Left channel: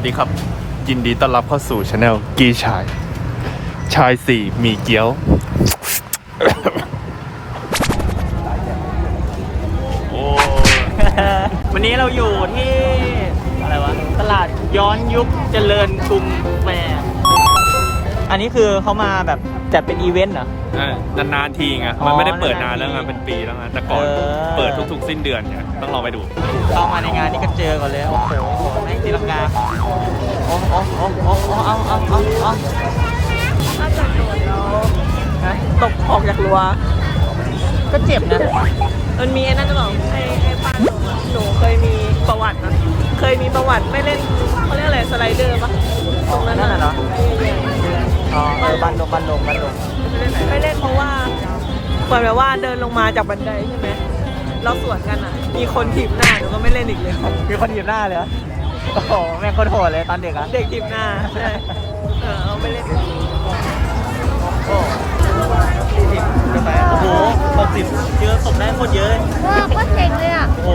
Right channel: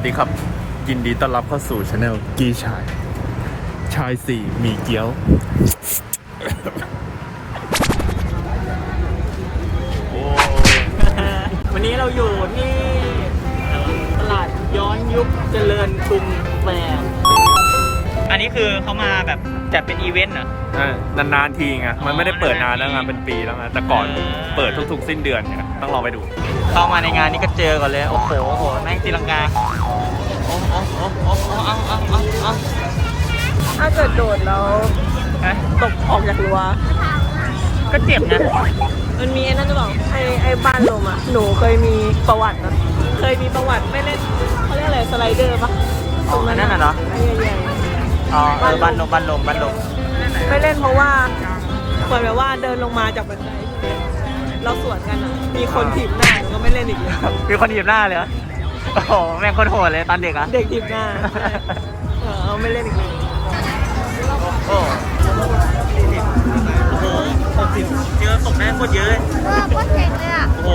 วัสดีครับ ยินดีต้อนรับเข้าสู่ช anel กีชาย ชายสี่มีเกี๊ยว โอ้วันนี้เราอยู่ที่อะไรวะตลาดย้อนยุคเจริญกรุงแฟร์อันนี้คือเขามาแบบจัดเป็นอีเวนต์เหรออ่านานๆทีไงมันไม่ได้เปิดนานแล้วไงนานๆทีเป็นปีแล้วไงแต่ก่อนเออ เปิดทุกๆ สิ้นเดือนไงต้องลองไปดู เข้ามาในงานนี้ก็เจอก่อนเลย โอ้โหโอ้โหแม่งตีลังกา อ้โอ้โอ้โอ้โอ้เอาเอาเอาเอาถ้าเกิดโดดแล้วฮะตกออกจากรั้วก็เจ็บนะ มันมีไอ้นั่นจะบอกไอ้ไอ้บ้านลมอะหนูเคยมีประวัตินะเคยมีประวัติไม่เล่นเขาเรียกอะไรสไลเดอร์ปะอ๋ออันนั้นน่ะเหรออ๋อเออบันลมบันลมบันลมๆไม่เล่นเพราะว่าเหมือนแบบว่าเดินลงมาจากบันไดใช่ไหมเราสวนกันอะ มีคนถีบหน้าหนูก็ไม่เล่นอีกเลย มีคนถีบหน้าเลยเหรอ โอ้โหแม่งโคนโหดเลยตอนเด็กอะเด็กถีบหน้าใช่เออไม่เล่นอีกเลยโอ้สี่สิบโอ้โหหกสิบเจอตกได้โคตรเยอะเลยโอ้โห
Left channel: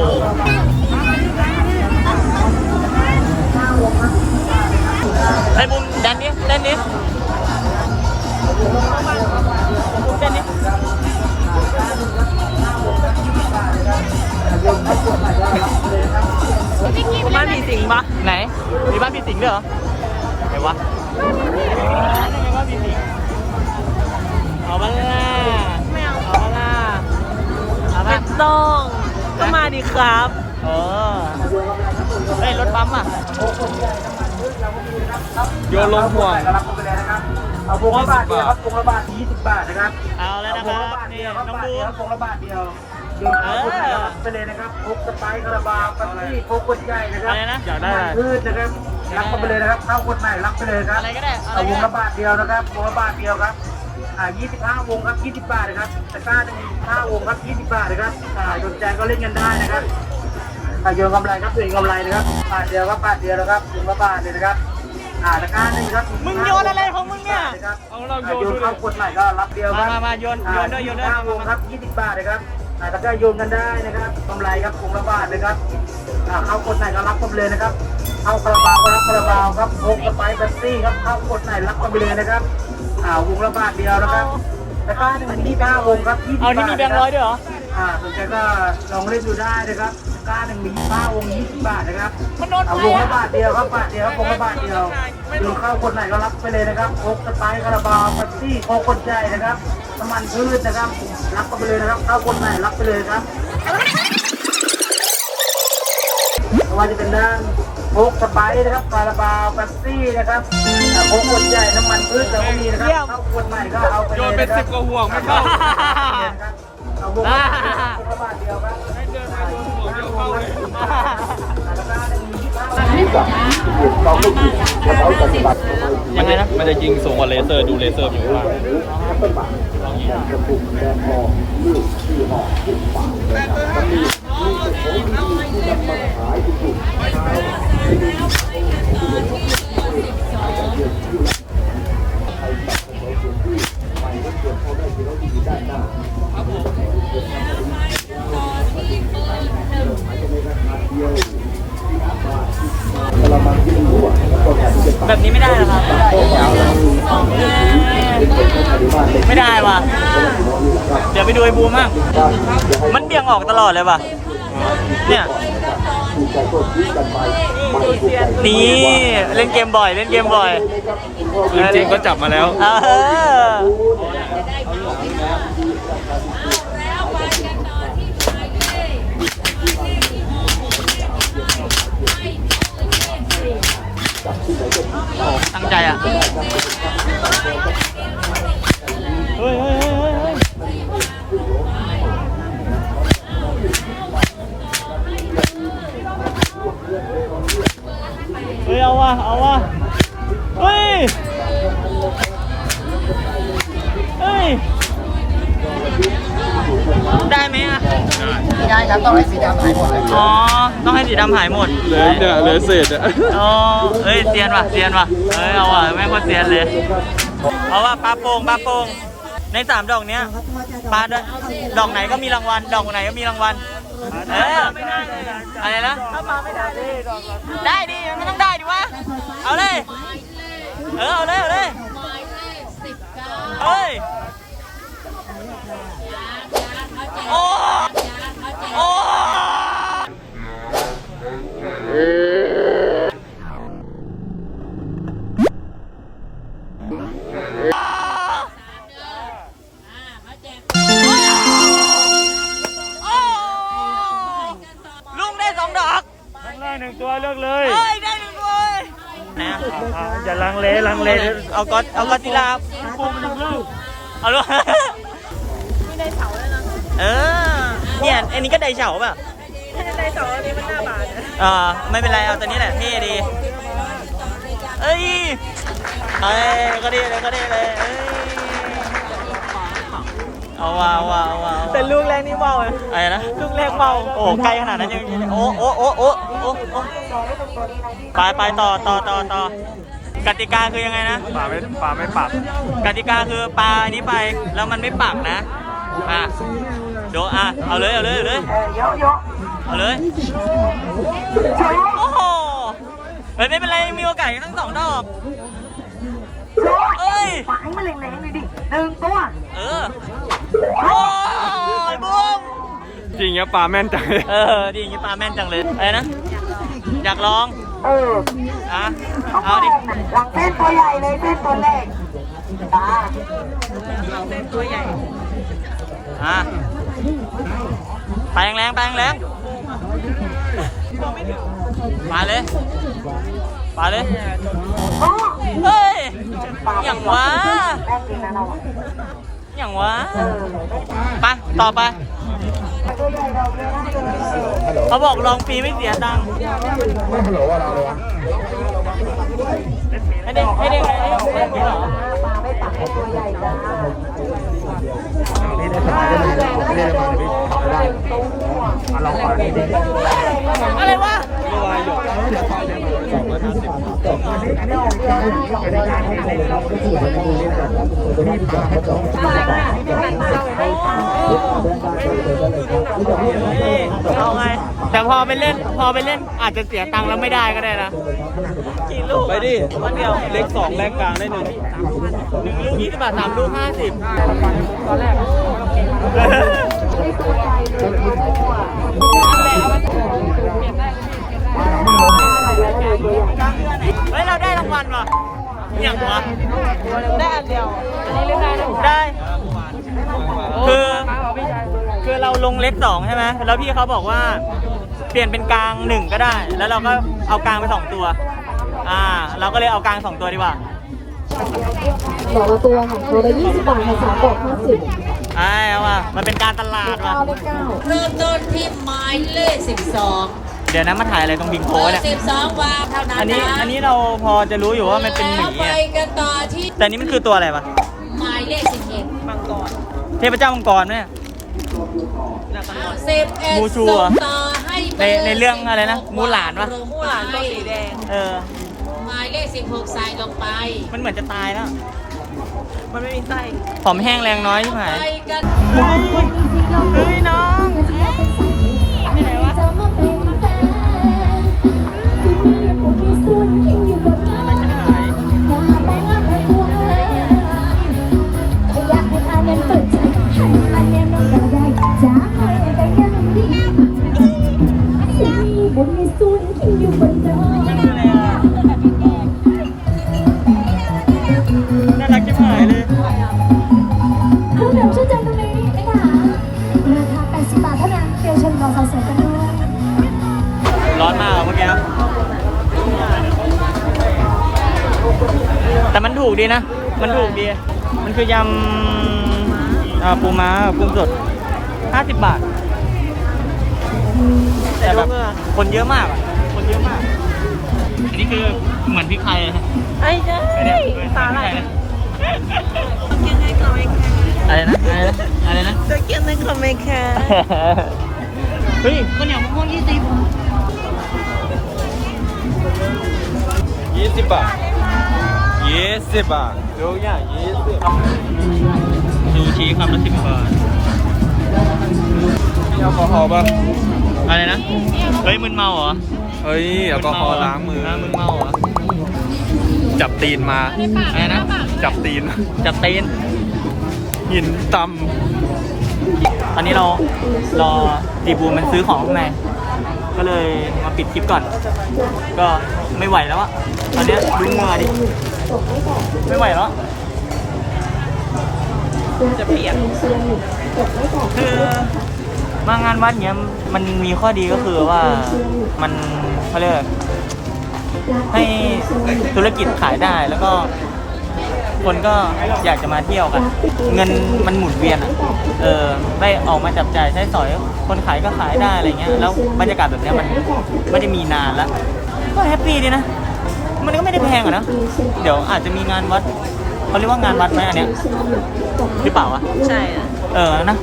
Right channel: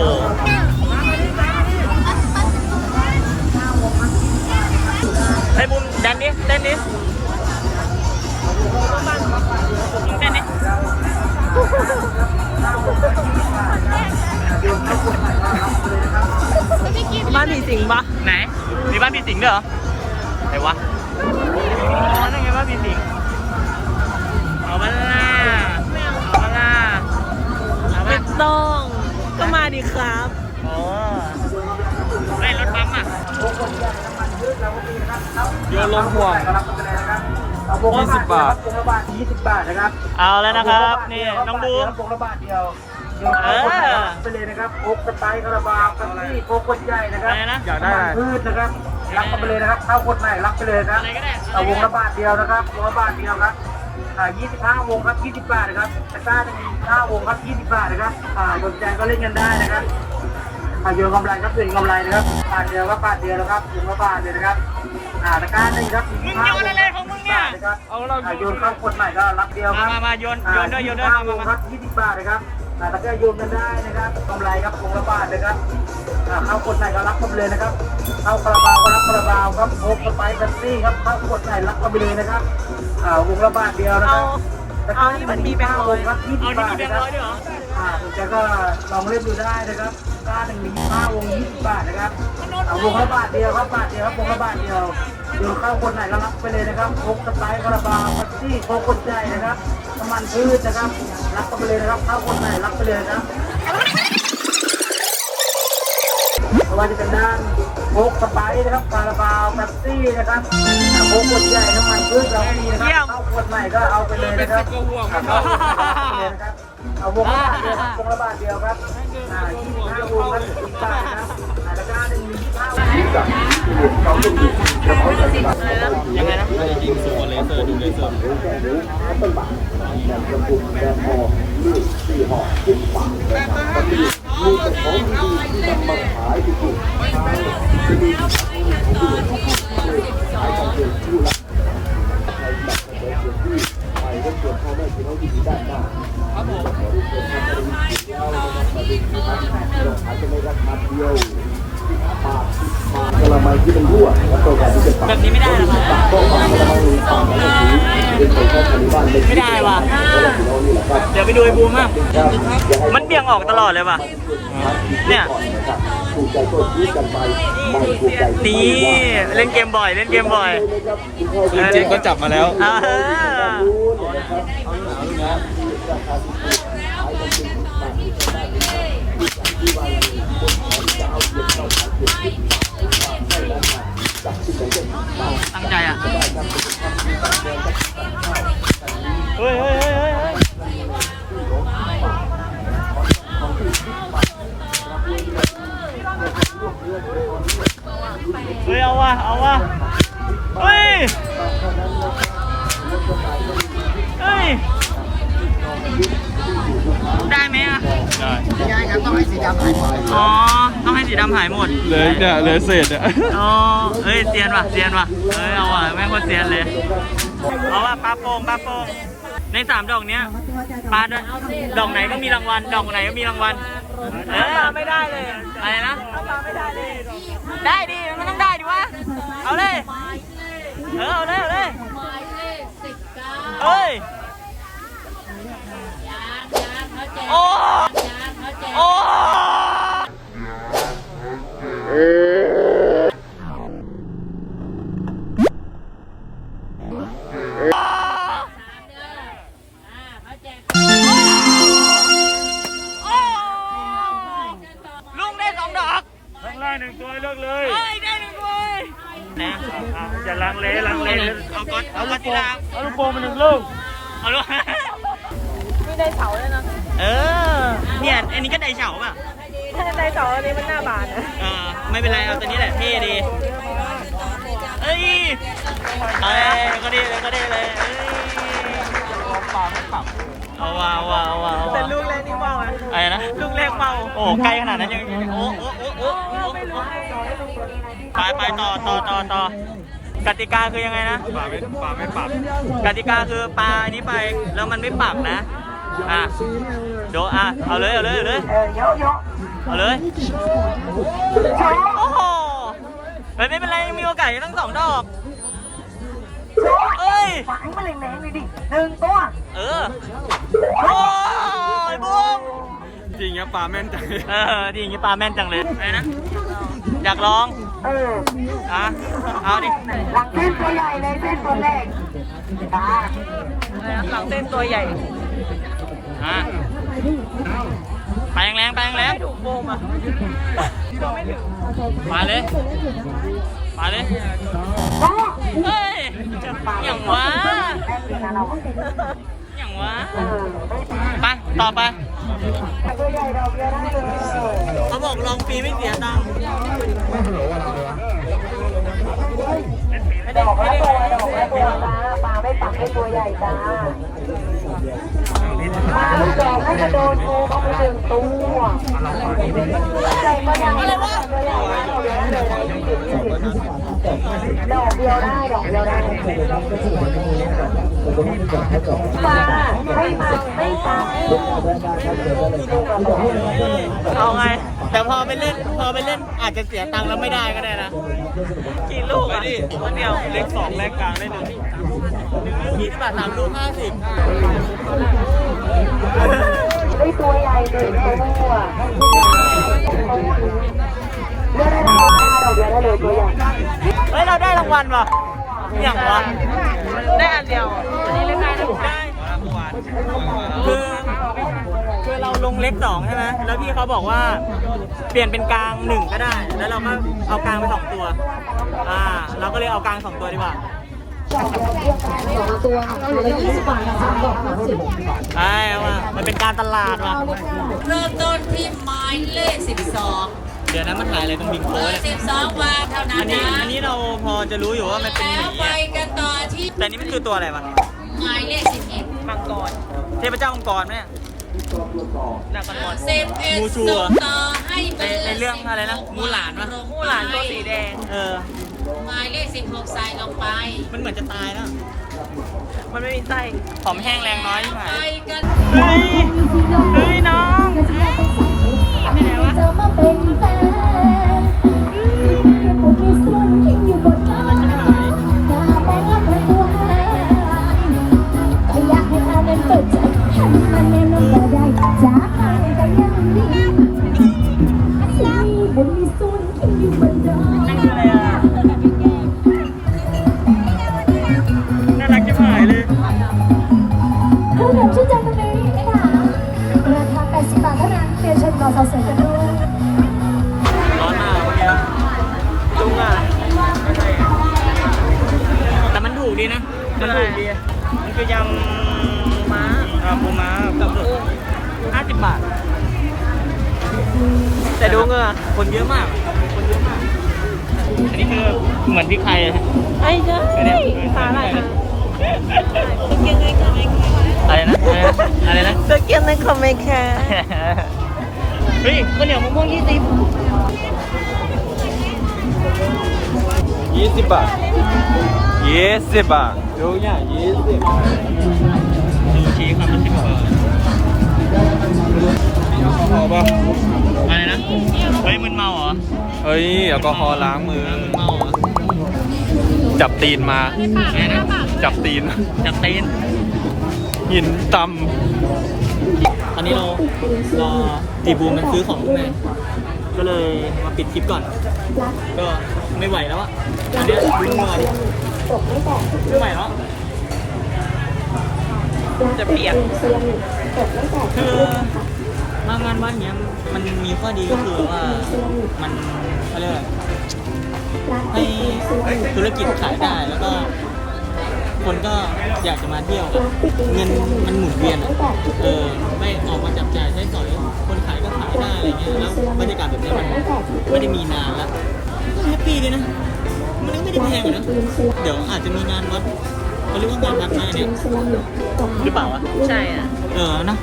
ไอ้บุมแดนดิเต้นดิบุมเต้นดิ บ้านผีสิงปะไหน มีบ้านผีสิงด้วยเหรอไหนวะอ๋อนั่นไงบ้านผีสิงเอามาล่ะไม่เอาเอามาล่ะเอาไม่มาต้อง ก็มาดีครับ เออได้รถปั๊มอะโยนลงห่วงเอาวงละบาทเดียวครับวงละบาทยี่สิบบาทนะครับ เอาแล้วนะครับ นี่น้องบูมวงละบาทเดียวโยน เข้าคนไหนรับไปเลยนะครับพกสไปร์คาราบาวกันนี่พกคนใหญ่นะครัอะไรนะอยากได้อะไรพืชนะครับรับกันไปเลยนะครับเข้าคนไหนรับไปเลยครับอะไรก็ได้อะไรเอาวก็งได้ละบาทเดียวนะครับวงละบาทเดียวครับอ่า25 วงครับ 20 บาทนะครับตะกร้าจะมี5วงครับ 20 บาทนะครับอ่าสนใจก็เล่นกันได้นะครับอ่าโยนกำไรครับโยนกำไรนะครับบาทเดียวครับบาทเดียวนะครับวงละบาทเลยนะครับอ่าตะกร้าหนึ่งครับมึงโยนอะไรของมึงเนี่ยเอาเราโยนเข้าคนใหม่ก็รับเดียวคมารับมามาโยนโยนด้วยโยนด้วยอ่มามา25มาครับ 20 บาทนะครับ อ่าตะกร้าโยนกันได้นะครับกำไรครับวงละบาทนะครับอ่าเข้าคนไหนก็รับกันไปเลยนะครับเข้าคาราบาวก็รับคาราบาวครับโคกสไปซ์เบปซี่ครับเข้ากดไหนรับกันไปเลยนะครับอ่าวงละบาทเดียวนะคเอารับแล้วก็เอาที่มันมีแบงค์ร้วอยงครับยี่สิเอาบนี่บามีทแบงนะค์คร้รัอบยด้วยเหรออ่าสนใจก็ลองเล่นดูได้นะครับกล้าหนึ่งมีห้าวงยี่สิบบาทนะครับมันโดนเอาวงละบาทเดียวครับบาทเดียวครับวงละบาทเดียวโยนเข้าคนไหนก็รับไปเลยนะครับโคกสไปซ์คาราบาวเบปซี่โคกคนใจนะครับ น้ำมันพืชนะครับ รับกันไปเลยนะครับเข้าคนไหนรับไปเลยครับไม่ว่าจะเป็นด้านโคกสไปซ์นะครับคาราบาวเบปซี่นะครับอ่าโคกคนใหญ่น้ำมันพืชเราก็มีนะครับเข้าคนใหม่ก็เอาไปเลยนะครับเอาวงละบาทเดียววงละบาทเดียวครับให้เดินมาโดนหัวเดียวเข้าเลยตะกร้าหนึ่งมียี่สิบห้ามันจะมันจะยิงสูงกว่าเลเซอร์ดูเลเซอร์อยู่ข้างล่างลองยิง แบบนี้ ไม่ได้ว่ะ เดี๋ยวไปดูไอ้บูมมั่งมันเบี่ยงออกตลอดเลยว่ะ เนี่ยนี่เล่นเกมบ่อย เล่นเกมบ่อยปืนจริงก็จับมาแล้ว เออ เฮ้ยได้ไหมอะ ได้ไม่ได้ครับต้องให้สีดำหายหมดนะอ๋อ ต้องให้สีดำหายหมด เหลือเนี่ยเหลือเศษอะอ๋อเอ้ยเซียนว่ะเซียนว่ะเอ้ยเอาว่ะแม่งโคตรเซียนเลยเอาว่ะปลาโป่งปลาโป่งในสามดอกเนี้ยปลาด้วยดอกไหนก็มีรางวัลดอกไหนก็มีรางวัลเออไม่ได้เลยออะไรนะถ้าปลาไม่ได้เลย ได้ดิมันต้องได้ดิวะเอาเลย เออเอาเลยเอาเลยเอ้ย ลุงได้สองดอกข้างล่างหนึ่งตัวเลือกเลยเอ้ยได้หนึ่งด้วยนะอย่าลังเลลังเลเอาก๊อตเอาก๊อตจิลาลูกโป่งมันหนึ่งลูกเอาลูกมีในเสาด้วย เออ เนี่ยอันนี้ก็ไดเฉาป่ะถ้าในเสาอันนี้มันหน้าบานนะอ่าไม่เป็นไรเอาตัวนี้แหละเท่ดี เอ้ยเอ้ยก็ดีเลยก็ดีเลยเอ้ยเอาว่ะเอาว่ะเอาว่ะเอาแต่ว่ะลูกแรกนี่เบาเลยอะไรนะ ลูกแรกเบาโอ้ไกลขนาดนั้นยังยังโอ้โอ้โอ้โอ้โอ้โอ้ไปไปต่อต่อต่อต่อกติกาคือยังไงนะป่าไม่ป่าไม่ปรับกติกาคือปลาอันนี้ไปแล้วมันไม่ปักนะ อะโดอะเอาเลย เอาเลย เอาเลยเออเยอะเยอะเอาเลย โอ้โหเฮ้ยไม่เป็นไรยังมีโอกาสอีกตั้งสองดอก เอ้ยฝังมันแรงๆเลยดิหนึ่งตัว เออ โอ้ยบุ้มจริงเนี่ยป่าแม่นจังเลย เออดีอย่างงี้ปลาแม่นจังเลยอะไรนะ อยากลอง เอออะ เอาดิ หลังเส้นตัวใหญ่เลยเส้นตัวแรกจ้าหลังเส้นตัวใหญ่ อะไปแรงๆไปแรงถูกโมงอะๆไปเลย ไปเลยเฮ้ยอย่างวะอย่างวะไปต่อไปเขาบอกลองฟรีไม่เสียตังค์ไม่ได้ไม่ได้ไม่ได้ อะไรวะเอาไง แต่พอไปเล่นพอไปเล่นอาจจะเสียตังค์แล้วไม่ได้ก็ได้นะกี่ลูกอะลูกเดียวเล็กสองแรงกลางได้เลยหนึ่งลูกยี่สิบบาทสามลูกห้าสิบได้ตัวใหญ่เลยตัวเฮ้ยเราได้รางวัลว่ะอย่างวะได้อันเดียวได้คือคือเราลงเล็กสองใช่ไหมแล้วพี่เขาบอกว่า เปลี่ยนเป็นกลางหนึ่งก็ได้ แล้วเราก็เอากลางไปสองตัว อ่า เราก็เลยเอากลางสองตัวดีกว่าหัวละตัวของตัวละ20บาทค่ะสามดอก50ไอ้เอาว่ะมันเป็นการตลาดว่ะเอาเลยค่ะเริ่มต้นที่หมายเลข12เดี๋ยวนะมาถ่ายอะไรตรงบิงเบโค้อเนี่ยร์12วางเท่านั้นอันนี้นะอันนี้เราพอจะรู้อยู่ว่ามันเป็นหมีแล้วไปอะกันต่อที่แต่นี่มันคือตัวอะไรปะหมายเลข11มังกรเทพเจ้ามังกรเนี่ย หน้ามังกร11มูชูเหรอส่งต่อให้ในในเรื่องอะไรนะมูหลานปะมู่หลานตัวสีแดง เออ หมายเลข16ใส่ลงไป มันเหมือนจะตายแล้วมันไม่มีไส้ ผอมแห้งแรงน้อยใช่ไหมไปกัน เฮ้ย เฮ้ยน้อง ดีนะ มันถูกดีมันคือยำม้าอ่าปูม้ากุ้งสดห้าสิบบาท แต่ดูเหงือคนเยอะมากอะคนเยอะมาก อันนี้คือเหมือนพริกไทยเลยฮะอันเนี้ยเออเหมือนพริกไทยเลยอะไรนะอะไรนะจะเกียนในคอมเมนต์แค่เฮ้ยข้าวเหนียวมะม่วงยี่สิบยี่สิบบาท ยี่สิบบาทซูชิคำละสิบบาทแอลกอฮอล์ป่ะอะไรนะ เฮ้ยมึนเมาเหรอ เฮ้ยแอลกอฮอล์ล้างมือ มึนเมาเหรอ จับตีนมาอะไรนะ จับตีน จับตีน หินตตอนนี้เรารอจีบูมมันซื้อของข้างในก็เลยมาปิดคลิปก่อน ก็ไม่ไหวแล้วอะตอนเนี้ยดูเหงื่อดิ ไม่ไหวแล้วจะเปลี่ยนคือมางานวัดเนี้ยมันมีข้อดีก็คือว่ามันเขาเรียกอะไรให้ธุรกิจขายได้แล้วก็ คนก็อยากจะมาเที่ยวกัน เงินมันหมุนเวียนอะ เออได้ออกมาจับจ่ายใช้สอย คนขายก็ขายได้อะไรเงี้ย แล้วบรรยากาศแบบเนี้ยมันไม่ได้มีนานแล้ว ก็แฮปปี้ดีนะ มันก็ไม่ได้แพงอะนะ เดี๋ยวอาจจะมีงานวัดเขาเรียกว่างานวัดไหมอันเนี้ยหรือเปล่าอะใช่อะเออนะ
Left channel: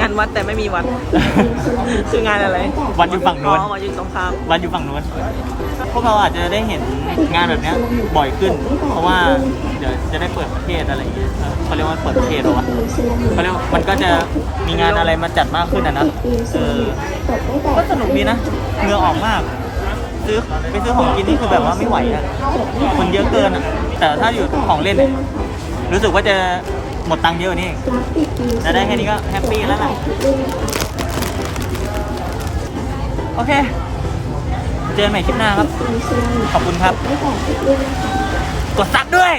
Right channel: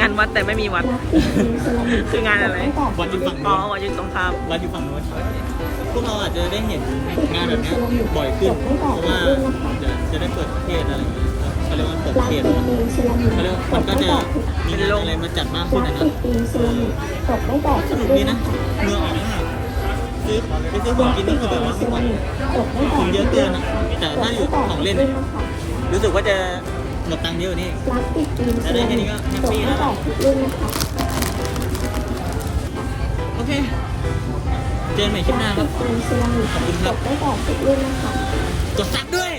งานวัดแต่ไม่มีวัด คืองานอะไร วัดอยู่ฝั่งอ๋อนู้นวัดอยู่ตรงข้ามวัดอยู่ฝั่งนู้นพวกเราอาจจะได้เห็นงานแบบเนี้ยบ่อยขึ้น เพราะว่าเดี๋ยวจะได้เปิดประเทศอะไรอย่างเงี้ยเออเขาเรียกว่าเปิดประเทศเหรอวะเขาเรียกว่ามันก็จะมีงานอะไรมาจัดมากขึ้นอะนะเออก็สนุกดีนะเหงื่อออกมาก ซื้อไปซื้อของกินนี่คือแบบว่าไม่ไหวอะคนเยอะเกินอะแต่ถ้าอยู่ของเล่นเนี่ยรู้สึกว่าจะหมดตังค์เยอะกว่านี่จะได้แค่นี้ก็แฮปปี้แล้วล่ะ โอเค เจอกันใหม่คลิปหน้าครับ ขอบคุณครับ กดซับด้วย